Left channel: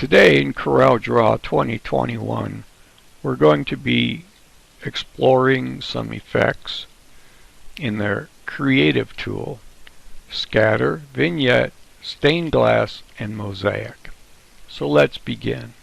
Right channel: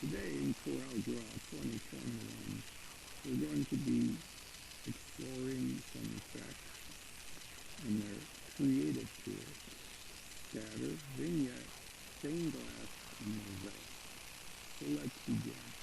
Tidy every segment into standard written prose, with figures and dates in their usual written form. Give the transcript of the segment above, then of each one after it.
Today in CorelDraw 2021, we're going to be exploring some effects in their creative tool, Scatter, Vignette, Stained Glass, and Mosaic. So let's begin.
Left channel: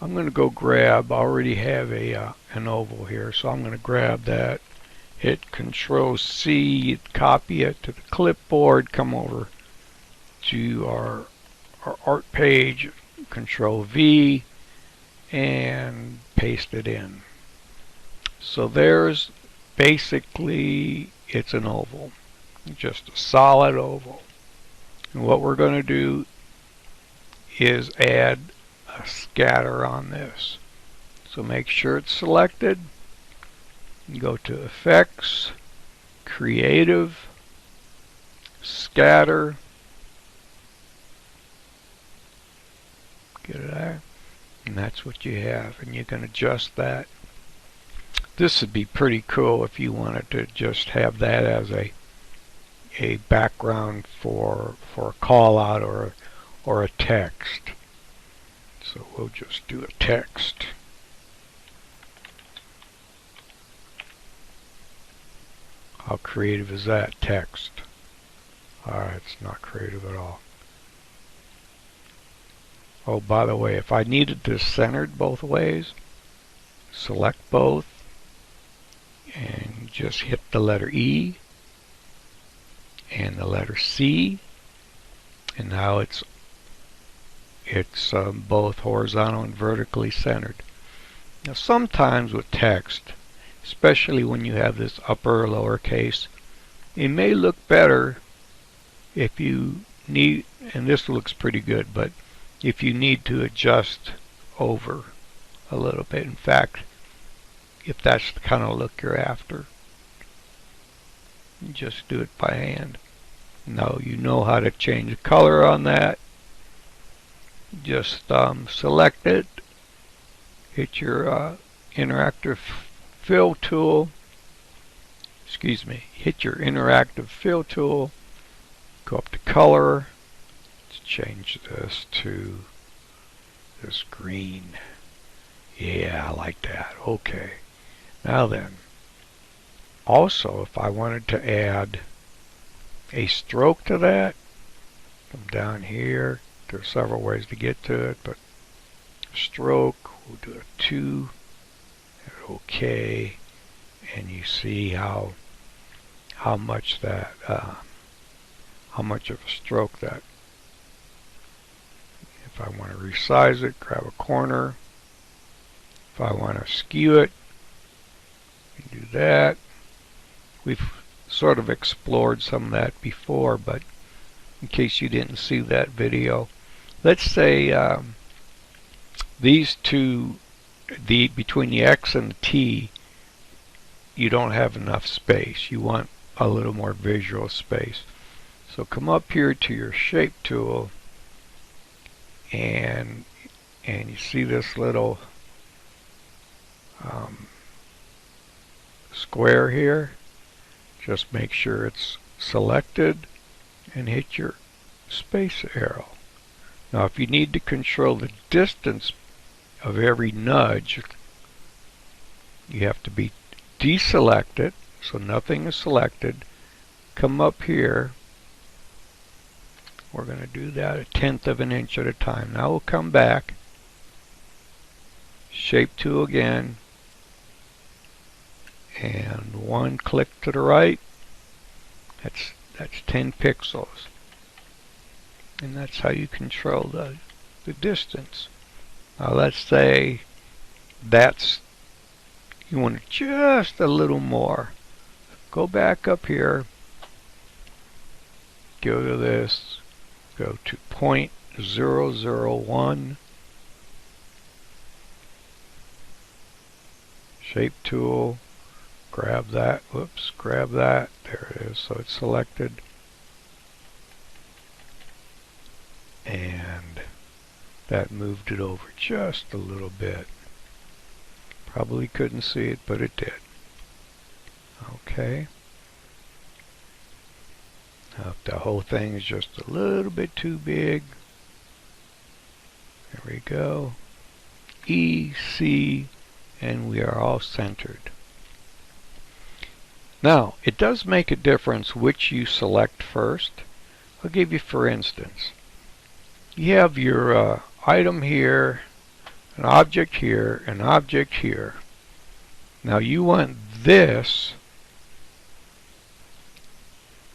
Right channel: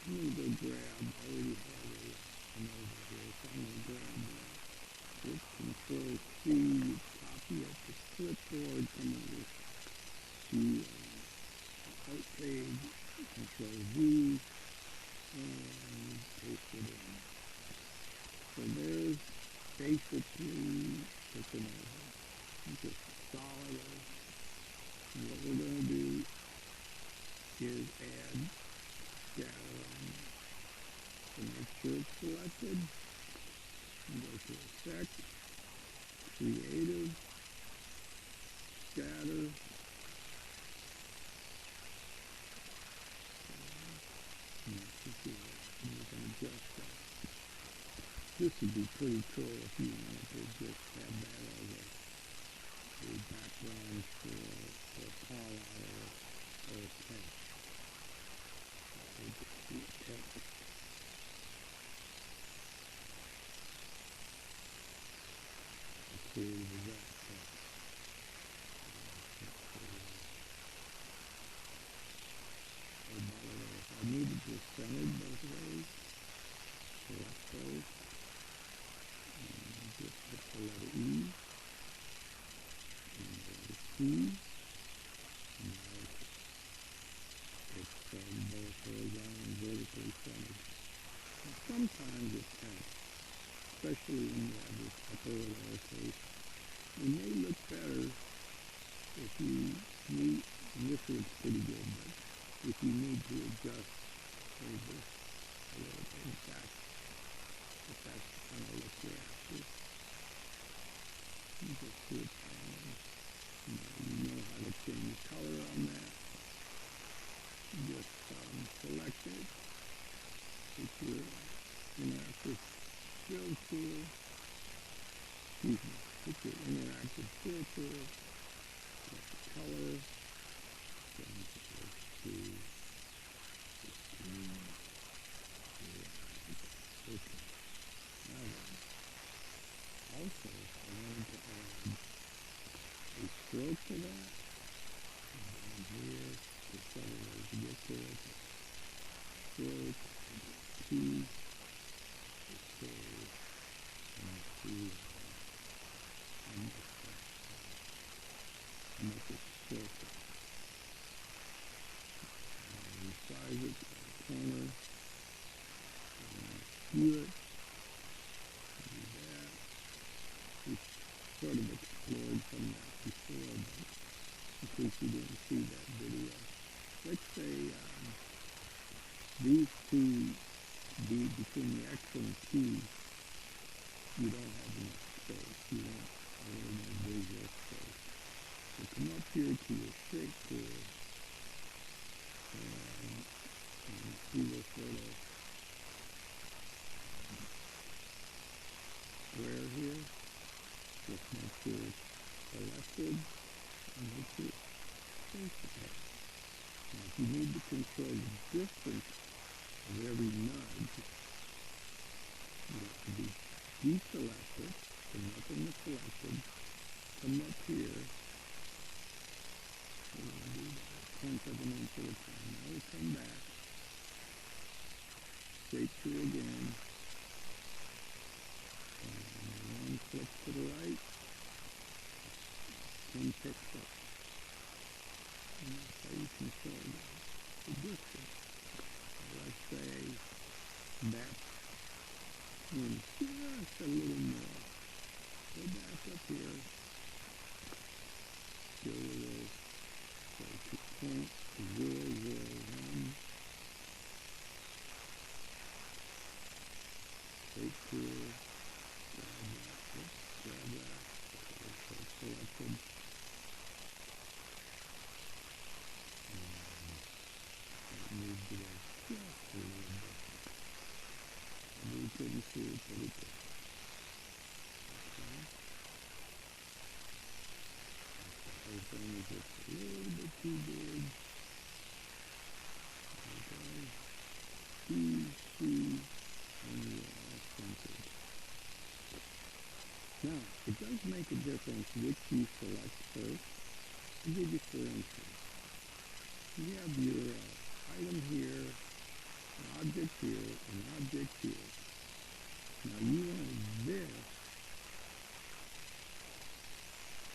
I'm going to go grab, I already have an oval here, so I'm going to grab that, hit Control C, copy it to the clipboard, come over to our art page, Control V, and paste it in. So there's basically, it's an oval, just a solid oval. And what we're going to do is add a scatter on this. So make sure it's selected, go to Effects, Creative, Scatter, get it there, and that's what you have, and you can adjust that. This would be pretty cool if you wanted to just have that as a background for a call out or a text. So we'll just do a text. How creative is that text? Alright, it's not creative at all. Oh, by the way, if I needed this centered both ways, select both and just hit the letter E and the letter C, and now it's both horizontal and vertically centered. Now sometimes with text, especially when you have this upper or lower case, it may look better if you need, and this looks pretty good, but if you need to adjust over a little bit. In fact, if that's the kind of look you're after, you just do it by hand. Now you know how to change the color on that. Just select it, hit your interactive fill tool, hit your interactive fill tool, go up to color, change this to this green. Yeah, I like that. Okay. Now then, also if I wanted to add a stroke to that, come down here. There's several ways to get to it, but stroke, we'll do a 2. Okay. And you see how much that how much of a stroke that. If I want to resize it, grab a corner. If I want to skew it, do that. We've sort of explored some of that before, but in case you didn't see that video, let's say these two, between the X and the T, you don't have enough space. You want a little more visual space. So come up here to your shape tool, and you see this little square here. Just make sure it's selected and hit your space arrow. Now if you need to control the distance of every nudge, you have to be deselected, so nothing is selected. Come up here. We're going to do that 1/10 of an inch at a time. Now we'll come back, shape tool again, and one click to the right. That's 10 pixels, and that's how you control the distance. Now let's say you want just a little more. Go back up here, go to this, go to 0.001, shape tool, grab that, whoops, grab that, there it is, so it's selected, and that moved it over just a little bit. Probably couldn't see it, but it did. Okay. Now if the whole thing is just a little bit too big, There we go. E, C, and we are all centered. Now, it does make a difference which you select first. I'll give you for instance. You have your item here, an object here, an object here. Now you want this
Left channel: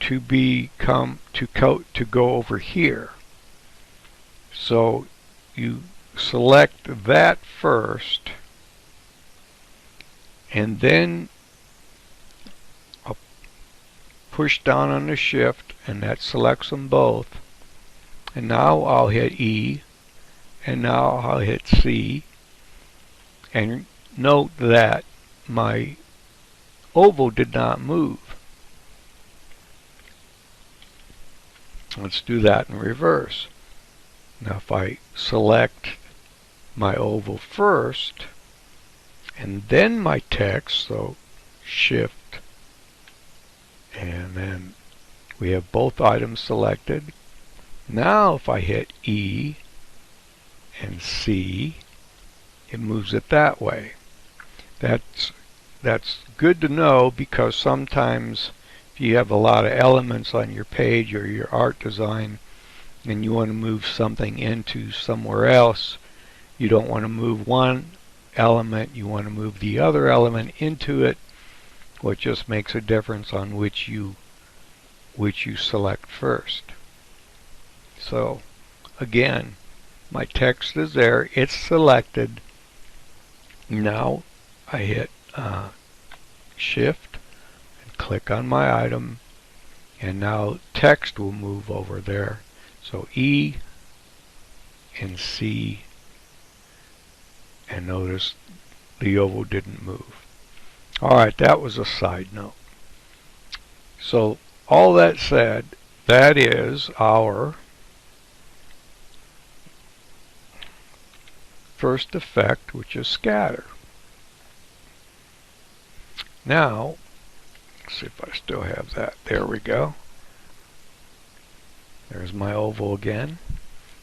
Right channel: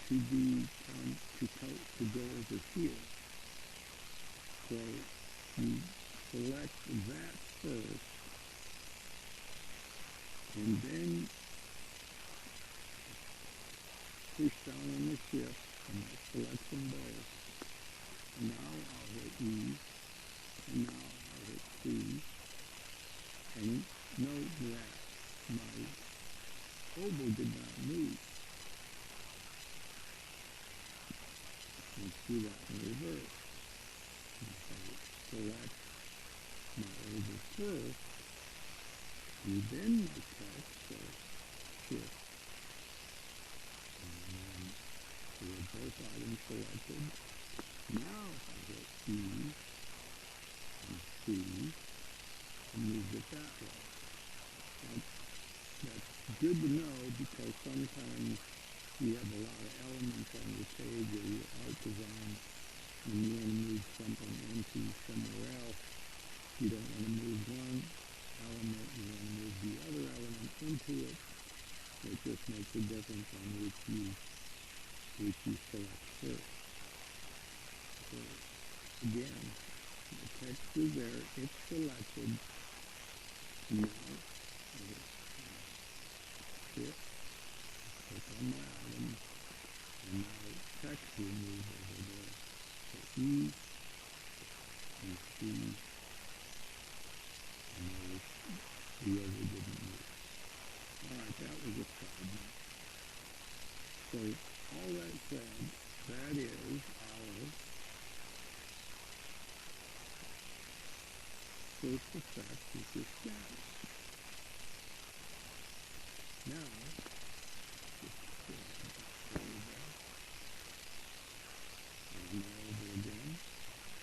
to go over here. So you select that first, and then I'll push down on the shift, and that selects them both. And now I'll hit E, and now I'll hit C, and note that my oval did not move. Let's do that in reverse. Now if I select my oval first, and then my text, so shift, and then we have both items selected. Now if I hit E and C, it moves it that way. That's good to know, because sometimes if you have a lot of elements on your page or your art design and you want to move something into somewhere else, you don't want to move one element, you want to move the other element into it, which just makes a difference on which you select first. So again, my text is there, it's selected. Now I hit shift and click on my item, and now text will move over there. So E and C, and notice the oval didn't move. Alright, that was a side note. So all that said, that is our first effect, which is scatter. Now, let's see if I still have that. There we go. There's my oval again.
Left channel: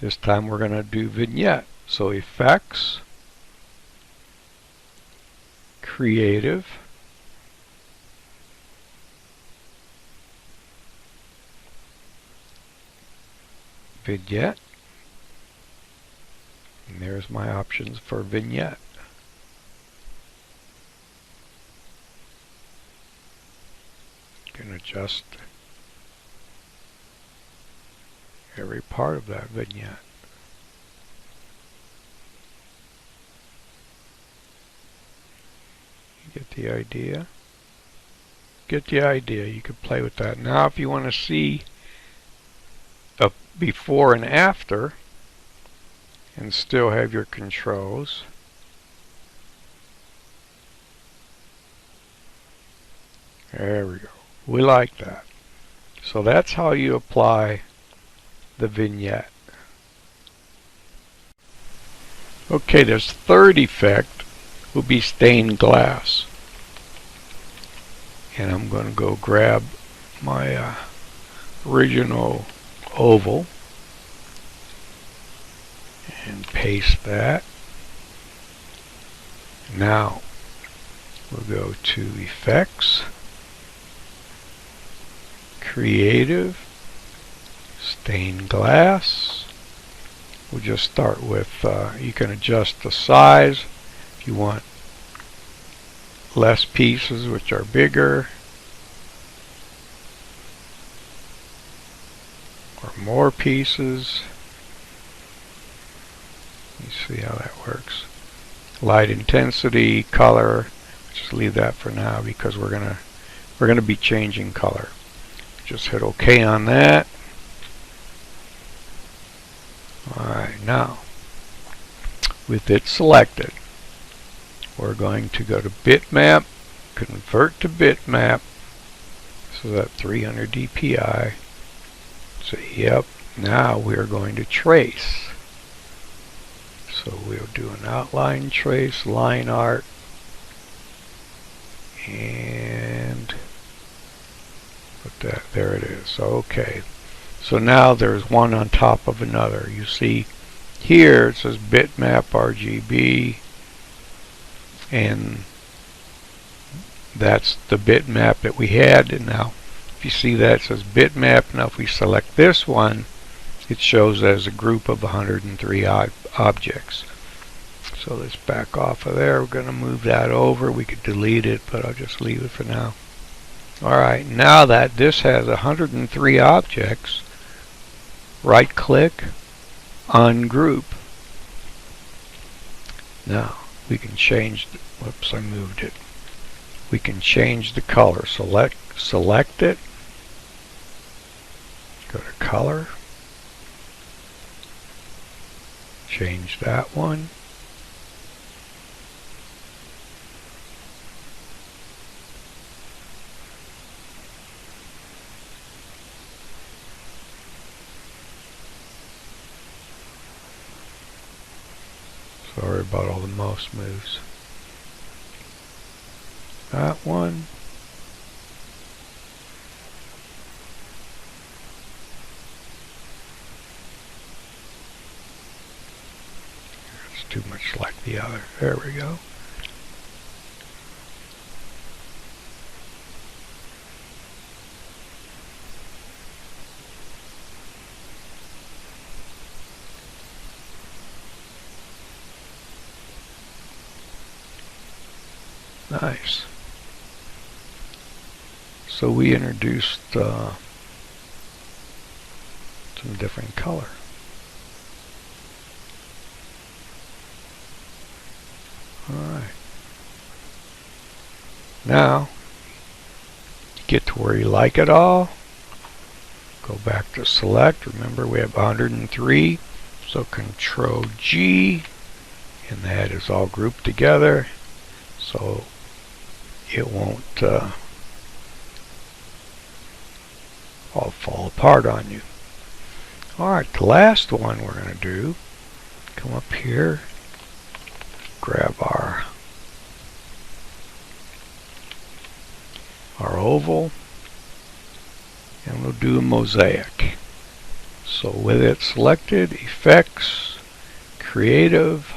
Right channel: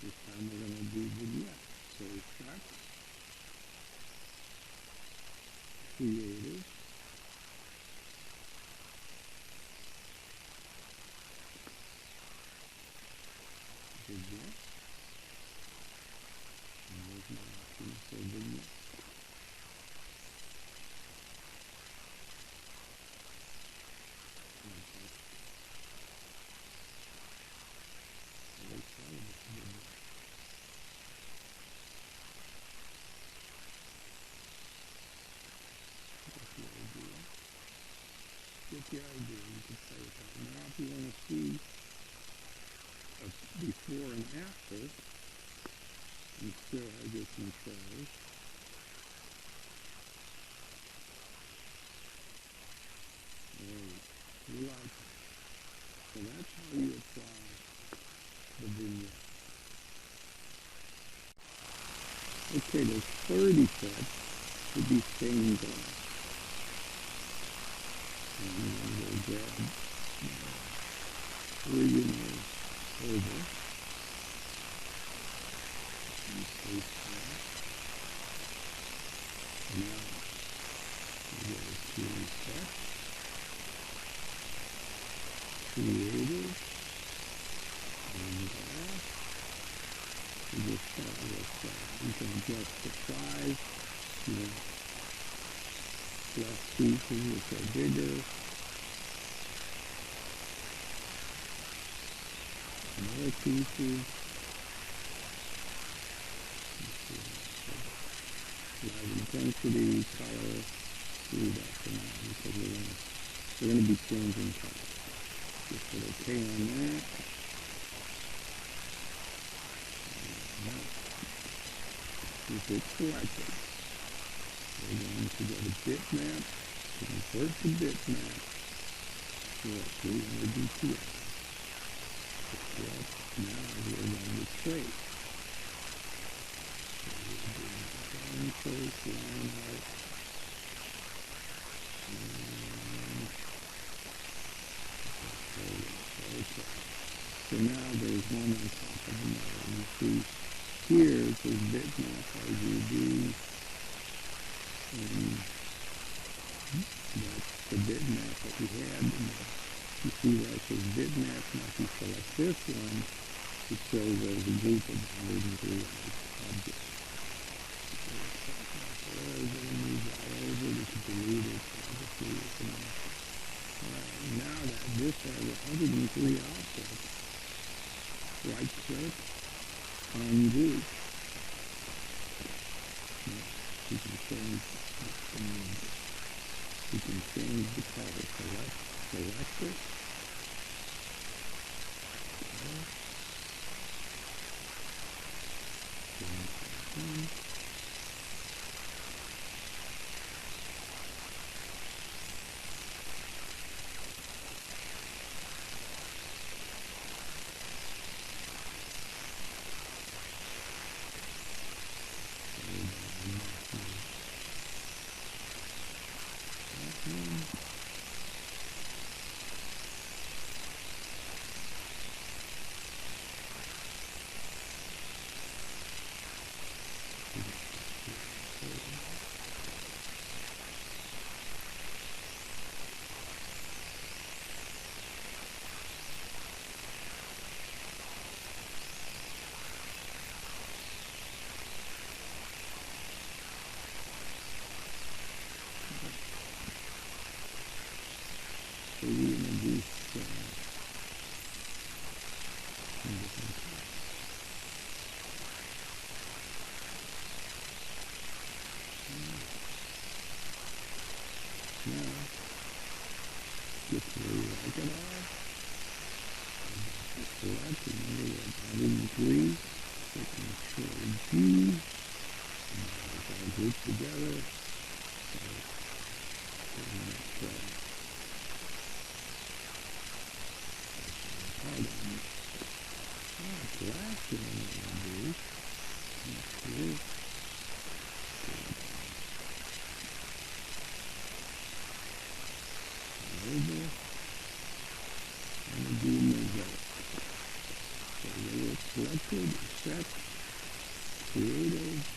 This time we're going to do vignette. So effects, creative, vignette, and there's my options for vignette. You can adjust every part of that vignette. Get the idea? Get the idea. You can play with that. Now if you want to see a before and after and still have your controls, there we go. We like that. So that's how you apply the vignette. Okay, this third effect will be stained glass. And I'm going to go grab my original oval and paste that. Now we'll go to effects, creative, stained glass. We'll just start with, you can adjust the size if you want less pieces, which are bigger, or more pieces. Let's see how that works. Light intensity, color, just leave that for now because we're gonna be changing color. Just hit OK on that. Alright, now with it selected, we're going to go to bitmap, convert to bitmap, so that 300 dpi. So yep, now we're going to trace. So we'll do an outline trace, line art, and put that, there it is. Okay. So now there's one on top of another. You see here it says bitmap RGB, and that's the bitmap that we had. And now if you see that it says bitmap, now if we select this one, it shows as a group of 103 objects. So let's back off of there. We're going to move that over. We could delete it, but I'll just leave it for now. Alright, now that this has 103 objects, right click, ungroup. Now we can change, whoops, I moved it. We can change the color. Select it, go to color, change that one. Sorry about all the mouse moves. That one. It's too much like the other. There we go. Nice. So we introduced some different color. Alright. Now, get to where you like it all. Go back to select. Remember we have 103. So Control G, and that is all grouped together. So it won't all fall apart on you. Alright, the last one we're going to do, come up here, grab our oval, and we'll do a mosaic. So with it selected, effects, creative,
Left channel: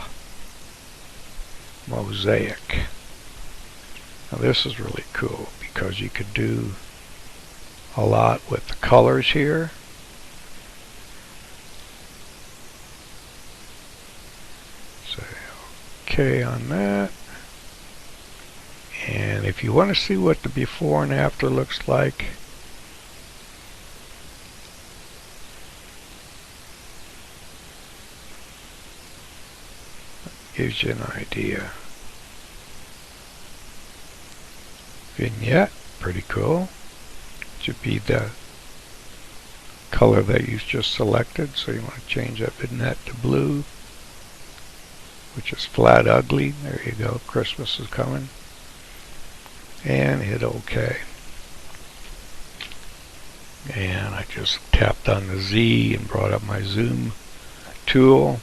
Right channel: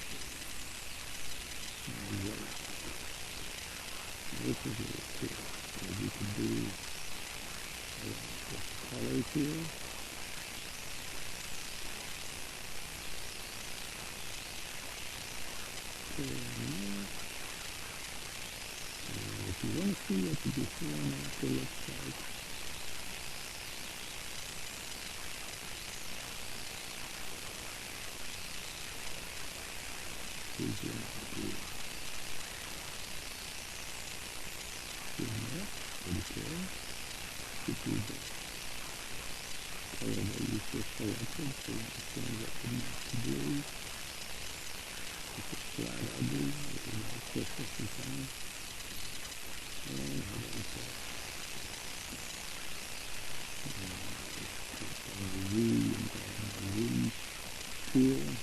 mosaic. Now this is really cool because you could do a lot with the colors here. Say OK on that. And if you want to see what the before and after looks like, gives you an idea. Vignette, pretty cool. Should be the color that you just selected, so you want to change that vignette to blue, which is flat ugly. There you go, Christmas is coming. And hit OK. And I just tapped on the Z and brought up my zoom tool,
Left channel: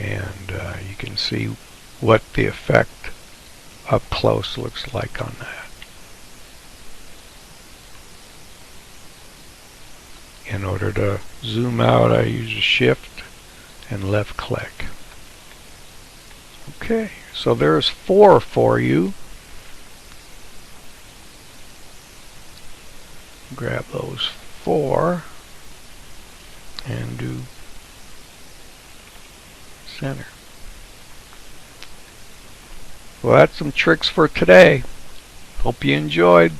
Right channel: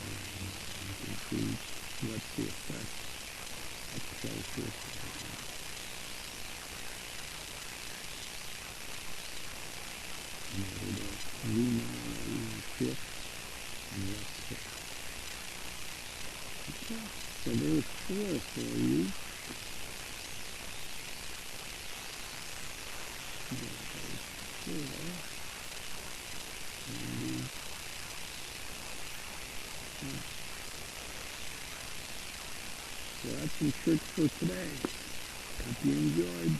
and you can see what the effect up close looks like on that. In order to zoom out, I use a shift and left click. Okay, so there's 4 for you. Grab those 4 and do center. Well, that's some tricks for today. Hope you enjoyed.